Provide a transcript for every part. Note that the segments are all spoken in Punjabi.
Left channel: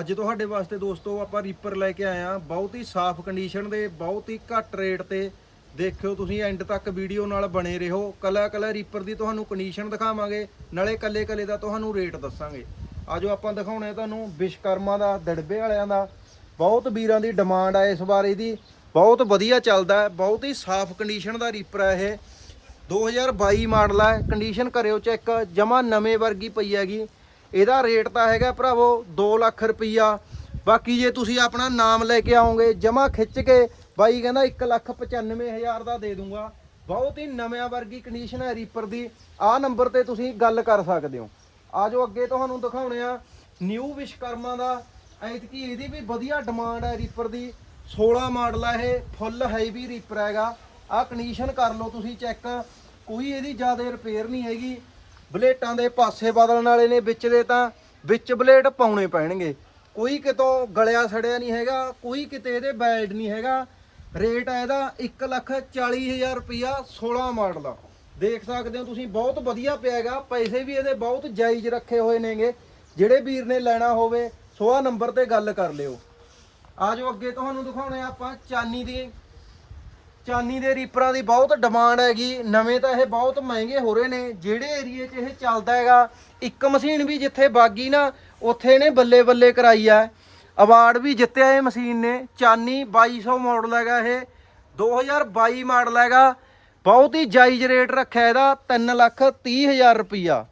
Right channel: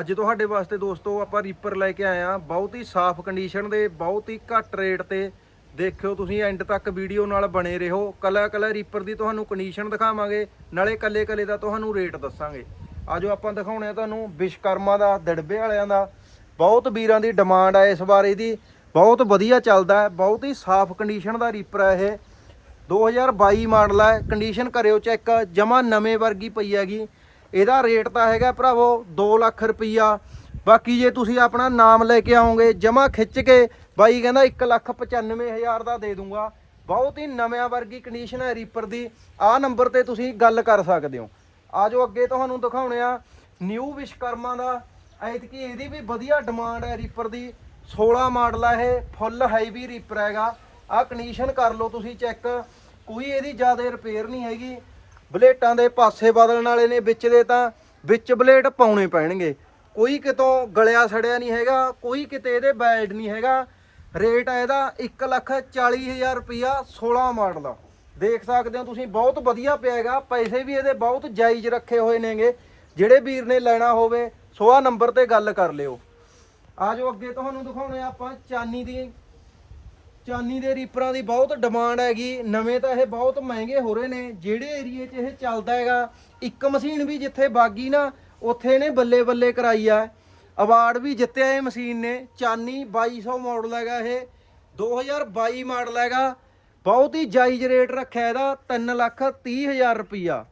ਅੱਜ ਤੁਹਾਡੇ ਵਾਸਤੇ ਦੋਸਤੋ ਆਪਾਂ ਰੀਪਰ ਲੈ ਕੇ ਆਏ ਆ ਬਹੁਤ ਹੀ ਸਾਫ਼ ਕੰਡੀਸ਼ਨ ਦੇ, ਬਹੁਤ ਹੀ ਘੱਟ ਰੇਟ ਤੇ। ਦੇਖਿਓ ਤੁਸੀਂ ਐਂਡ ਤੱਕ ਵੀਡੀਓ ਨਾਲ ਬਣੇ ਰਹੋ। ਕਲਾ ਕਲਾ ਰੀਪਰ ਦੀ ਤੁਹਾਨੂੰ ਕੰਡੀਸ਼ਨ ਦਿਖਾਵਾਂਗੇ, ਨਾਲੇ ਕੱਲੇ ਕੱਲੇ ਦਾ ਤੁਹਾਨੂੰ ਰੇਟ ਦੱਸਾਂਗੇ। ਆਜੋ ਆਪਾਂ ਦਿਖਾਉਣੇ ਆ ਤੁਹਾਨੂੰ ਵਿਸ਼ਕਰਮਾ ਦਾ, ਦੜਬੇ ਵਾਲਿਆਂ ਦਾ। ਬਹੁਤ ਵੀਰਾਂ ਦੀ ਡਿਮਾਂਡ ਆ ਇਸ ਵਾਰ ਇਹਦੀ। ਬਹੁਤ ਵਧੀਆ ਚੱਲਦਾ ਬਹੁਤ ਹੀ ਸਾਫ਼ ਕੰਡੀਸ਼ਨ ਦਾ ਰੀਪਰ ਹੈ ਇਹ। 2022 ਮਾਡਲ ਹੈ ਕੰਡੀਸ਼ਨ ਕਰਿਓ ਚੈੱਕ ਜਮਾ ਨਵੇਂ ਵਰਗੀ ਪਈ ਹੈਗੀ। ਇਹਦਾ ਰੇਟ ਤਾਂ ਹੈਗਾ ਭਰਾਵੋ 2 ਲੱਖ ਰੁਪਈਆ। ਬਾਕੀ ਜੇ ਤੁਸੀਂ ਆਪਣਾ ਨਾਮ ਲੈ ਕੇ ਆਓਗੇ ਜਮਾ ਖਿੱਚ ਕੇ ਬਾਈ ਕਹਿੰਦਾ 1 ਲੱਖ 95 ਹਜ਼ਾਰ ਦਾ ਦੇ ਦੂੰਗਾ। ਬਹੁਤ ਹੀ ਨਵਿਆਂ ਵਰਗੀ ਕੰਡੀਸ਼ਨ ਹੈ ਰੀਪਰ ਦੀ। ਆਹ ਨੰਬਰ ਤੇ ਤੁਸੀਂ ਗੱਲ ਕਰ ਸਕਦੇ ਹੋ। ਆਜੋ ਅੱਗੇ ਤੁਹਾਨੂੰ ਦਿਖਾਉਣੇ ਆ ਨਿਊ ਵਿਸ਼ਕਰਮਾ ਦਾ। ਐਤਕੀ ਇਹਦੀ ਵੀ ਵਧੀਆ ਡਿਮਾਂਡ ਹੈ ਰੀਪਰ ਦੀ। 16 ਮਾਡਲ ਆ ਇਹ ਫੁੱਲ ਹੈਵੀ ਰੀਪਰ ਹੈਗਾ। ਆਹ ਕੰਡੀਸ਼ਨ ਕਰ ਲਓ ਤੁਸੀਂ ਚੈੱਕ ਕੋਈ ਇਹਦੀ ਜ਼ਿਆਦਾ ਰਿਪੇਅਰ ਨਹੀਂ ਹੈਗੀ। ਬਲੇਟਾਂ ਦੇ ਪਾਸੇ ਬਦਲਣ ਵਾਲੇ ਨੇ ਵਿੱਚ ਦੇ ਤਾਂ ਵਿੱਚ ਬਲੇਟ ਪਾਉਣੇ ਪੈਣਗੇ। ਕੋਈ ਕਿਤੋਂ ਗਲਿਆ ਸੜਿਆ ਨਹੀਂ ਹੈਗਾ, ਕੋਈ ਕਿਤੇ ਇਹਦੇ ਬੈਡ ਨਹੀਂ ਹੈਗਾ। ਰੇਟ ਆ ਇਹਦਾ 1 ਲੱਖ 40 ਹਜ਼ਾਰ ਰੁਪਿਆ 16 ਮਾਡਲ ਦਾ ਦੇਖ ਸਕਦੇ ਹੋ ਤੁਸੀਂ, ਬਹੁਤ ਵਧੀਆ ਪਿਆ ਹੈਗਾ ਪੈਸੇ ਵੀ ਇਹਦੇ ਬਹੁਤ ਜਾਇਜ਼ ਰੱਖੇ ਹੋਏ ਨੇਗੇ। ਜਿਹੜੇ ਵੀਰ ਨੇ ਲੈਣਾ ਹੋਵੇ ਸੋ ਨੰਬਰ ਤੇ ਗੱਲ ਕਰ ਲਿਓ। ਆਜੋ ਅੱਗੇ, ਤੁਹਾਨੂੰ ਦਿਖਾਉਣੇ ਆ ਆਪਾਂ ਚਾਨੀ ਦੀ। ਚਾਨੀ ਦੇ ਰੀਪਰਾਂ ਦੀ ਬਹੁਤ ਡਿਮਾਂਡ ਹੈਗੀ। ਨਵੇਂ ਤਾਂ ਇਹ ਬਹੁਤ ਮਹਿੰਗੇ ਹੋ ਰਹੇ ਨੇ। ਜਿਹੜੇ ਏਰੀਏ 'ਚ ਇਹ ਚੱਲਦਾ ਹੈਗਾ, ਇੱਕ ਮਸ਼ੀਨ ਵੀ ਜਿੱਥੇ ਬਾਗੀ ਨਾ, ਉੱਥੇ ਇਹਨੇ ਬੱਲੇ ਬੱਲੇ ਕਰਾਈ ਆ। ਅਵਾਰਡ ਵੀ ਜਿੱਤਿਆ ਇਹ ਮਸ਼ੀਨ ਨੇ। ਚਾਨੀ 2200 ਮਾਡਲ ਹੈਗਾ ਇਹ। 2022 ਮਾਡਲ ਹੈਗਾ। ਬਹੁਤ ਹੀ ਜਾਇਜ਼ ਰੇਟ ਰੱਖਿਆ ਇਹਦਾ 3 ਲੱਖ 30 ਹਜ਼ਾਰ ਰੁਪਈਆ।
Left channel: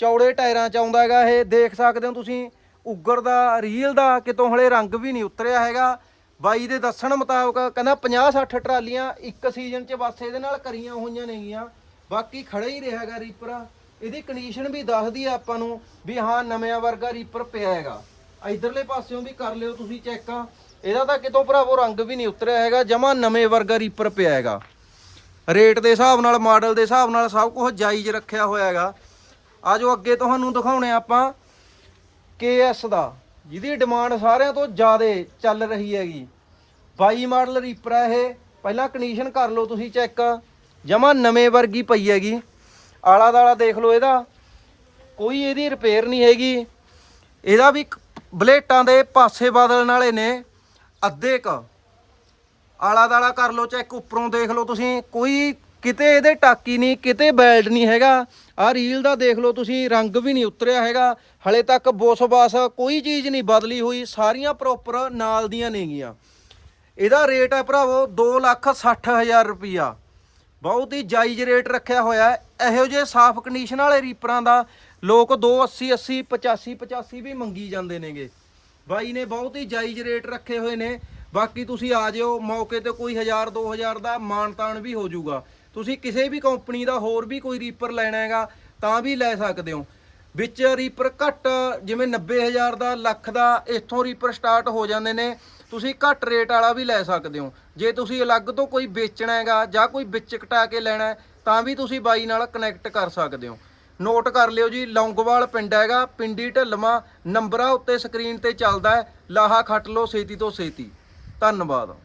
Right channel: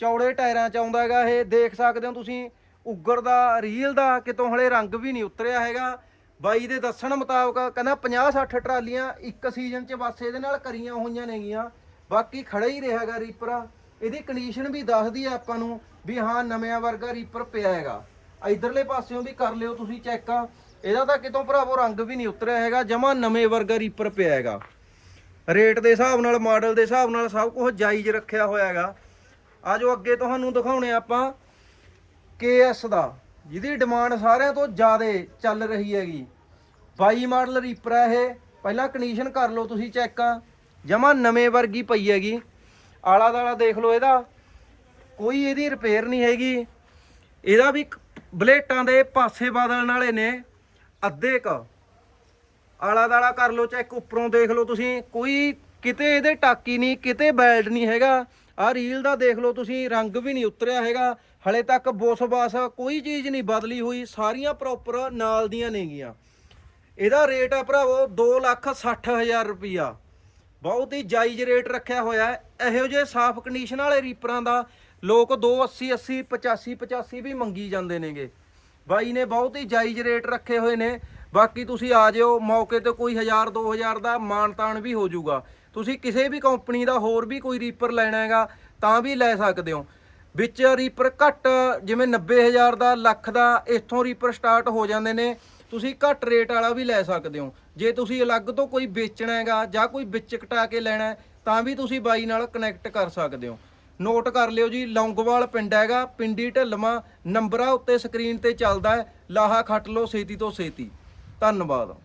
ਚੌੜੇ ਟਾਇਰਾਂ 'ਚ ਆਉਂਦਾ ਹੈਗਾ ਇਹ। ਦੇਖ ਸਕਦੇ ਹੋ ਤੁਸੀਂ, ਉੱਗਰ ਦਾ, ਰੀਲ ਦਾ ਕਿਤੋਂ ਹਲੇ ਰੰਗ ਵੀ ਨਹੀਂ ਉਤਰਿਆ ਹੈਗਾ। ਬਾਈ ਦੇ ਦੱਸਣ ਮੁਤਾਬਕ ਕਹਿੰਦਾ 50 60 ਟਰਾਲੀਆਂ ਇੱਕ ਸੀਜ਼ਨ 'ਚ ਬਸ ਇਹਦੇ ਨਾਲ ਕਰੀਆਂ ਹੋਈਆਂ ਨੇਗੀਆਂ। ਬਾਕੀ ਖੜਾ ਹੀ ਰਿਹਾ ਹੈਗਾ ਰੀਪਰ ਇਹਦੀ ਕੰਡੀਸ਼ਨ ਵੀ ਦੱਸਦੀ ਆ ਆਪਾਂ ਨੂੰ ਵੀ ਹਾਂ, ਨਵਿਆਂ ਵਰਗਾ ਰੀਪਰ ਪਿਆ ਹੈਗਾ। ਇਧਰਲੇ ਪਾਸਿਓਂ ਵੀ ਕਰ ਲਿਓ ਤੁਸੀਂ ਚੈੱਕ ਇਹਦਾ ਤਾਂ ਕਿਤੋਂ ਭਰਾਵੋ ਰੰਗ ਵੀ ਨਹੀਂ ਉਤਰਿਆ ਹੈਗਾ, ਜਮਾ ਨਵੇਂ ਵਰਗਾ ਰੀਪਰ ਪਿਆ ਹੈਗਾ। ਰੇਟ ਦੇ ਹਿਸਾਬ ਨਾਲ ਮਾਡਲ ਦੇ ਹਿਸਾਬ ਨਾਲ ਸਭ ਕੁਝ ਜਾਇਜ਼ ਰੱਖਿਆ ਹੋਇਆ ਹੈਗਾ। ਆਜੋ ਅੱਗੇ ਤੁਹਾਨੂੰ ਦਿਖਾਉਣੇ ਆਪਾਂ KS ਦਾ। ਜਿਹਦੀ ਡਿਮਾਂਡ ਸਾਰਿਆਂ ਤੋਂ ਜ਼ਿਆਦਾ ਚੱਲ ਰਹੀ ਹੈਗੀ। 22 ਮਾਡਲ ਰੀਪਰ ਹੈ ਇਹ। ਪਹਿਲਾਂ ਕੰਡੀਸ਼ਨ ਕਰ ਲਓ ਤੁਸੀਂ ਚੈੱਕ ਜਮਾ ਨਵੇਂ ਵਰਗੀ ਪਈ ਹੈਗੀ। ਆਲਾ ਦਾਲਾ ਦੇਖ ਲਓ ਇਹਦਾ। ਕੋਈ ਇਹਦੀ ਰਿਪੇਅਰ ਨਹੀਂ ਹੈਗੀ। ਇਹਦਾ ਵੀ ਬਲੇਟਾਂ ਦੇ ਪਾਸੇ ਬਦਲਣ ਵਾਲੇ ਨੇ। ਅੱਧੇ ਕ। ਆਲਾ ਦਾਲਾ ਕਰ ਲਓ ਚੈੱਕ ਉੱਪਰੋਂ ਦੇਖ ਲਓ ਤੁਸੀਂ। ਕੋਈ ਕਿਤੇ ਇਹਦੇ ਟਾਕੀ ਨਹੀਂ, ਕਿਤੇ ਬੈਲਟ ਨਹੀਂ ਹੈਗਾ। ਆਹ ਰੀਲ ਦਾ ਦੇਖ ਲਓ ਤੁਸੀਂ, ਰੰਗ ਵੀ ਨਹੀਂ ਉਤਰਿਆ ਹੈਗਾ। ਹਲੇ ਤੱਕ ਬੋਸ-ਬਾਸ ਕੋਈ ਚੀਜ਼ ਨਹੀਂ ਬਦਲੀ ਹੋਈ, ਸਾਰੀਆਂ ਪ੍ਰੋਪਰ ਨਾਲ ਦੀਆਂ ਨੇਗੀਆਂ ਇਹਦਾ ਰੇਟ ਹੈ ਭਰਾਵੋ 2 ਲੱਖ 60 ਹਜ਼ਾਰ ਰੁਪਈਆ। ਬਹੁਤ ਹੀ ਜਾਇਜ਼ ਰੇਟ ਰੱਖਿਆ ਹੋਇਆ ਇਹੋ ਜਿਹੇ ਸਾਫ਼ ਕੰਡੀਸ਼ਨ ਵਾਲੇ ਰੀਪਰਾਂ ਦਾ ਲੋਕ 280 80 85 85 ਵੀ ਮੰਗੀ ਜਾਂਦੇ ਨੇਗੇ। ਬਾਈ ਨੇ ਬਹੁਤ ਹੀ ਜਾਇਜ਼ ਰੇਟ ਰੱਖੇ ਹੋਏ ਨੇ। ਬਾਕੀ ਤੁਸੀਂ ਆ ਜਿਓ, ਮੌਕੇ ਤੇ ਕੋਈ 1000 2000 ਦਾ ਮਾਨਤਾਨ ਵੀ ਹੋ ਜਾਊਗਾ। ਤੁਸੀਂ ਕਿਸੇ ਵੀ ਕੰਪਨੀ ਦਾ ਹੋਰ ਵੀ ਕੋਈ ਰੀਪਰ ਲੈਣਾ ਹੈਗਾ, ਤਾਂ ਵੀ ਲੈ ਸਕਦੇ ਹੋ। ਵਿੱਚ ਰੀਪਰ ਘੱਟ, ਜਿਵੇਂ 90000 ਦਾ, ਲੱਖ ਦਾ, ਇੱਥੋਂ ਰੀਪਰ ਸਟਾਰਟ ਹੋ ਜਾਂਦੇ ਨੇ। ਤੁਸੀਂ ਘੱਟ ਰੇਟ ਵਾਲਾ ਵੀ ਲੈ ਸਕਦੇ ਹੋ। ਜੇ ਤੁਸੀਂ ਅਲੱਗ ਤੋਂ ਕੋਈ ਵੇਚਣਾ ਹੈਗਾ ਜਾਂ ਕੋਈ ਵਿੱਚ ਕਟਾ ਕੇ ਲੈਣਾ, ਤਾਂ ਵੀ ਤੁਸੀਂ ਬਾਈ ਨਾਲ ਕਨੈਕਟ ਕਰ ਸਕਦੇ ਹੋ। ਨੋਟ ਕਰ ਲਿਓ ਜੀ, ਲੌਂਗੋਵਾਲ ਪਿੰਡ ਹੈਗਾ, ਪਿੰਡੀ ਢਲਮਾ ਨੰਬਰਾਂ ਉੱਤੇ ਸਕਰੀਨ ਤੇ ਚੱਲਦਾ ਹੈ। ਲਾਹਾ ਖੱਟ ਲਓ ਛੇਤੀ ਤੋਂ ਛੇਤੀ ਧੰਨਵਾਦ।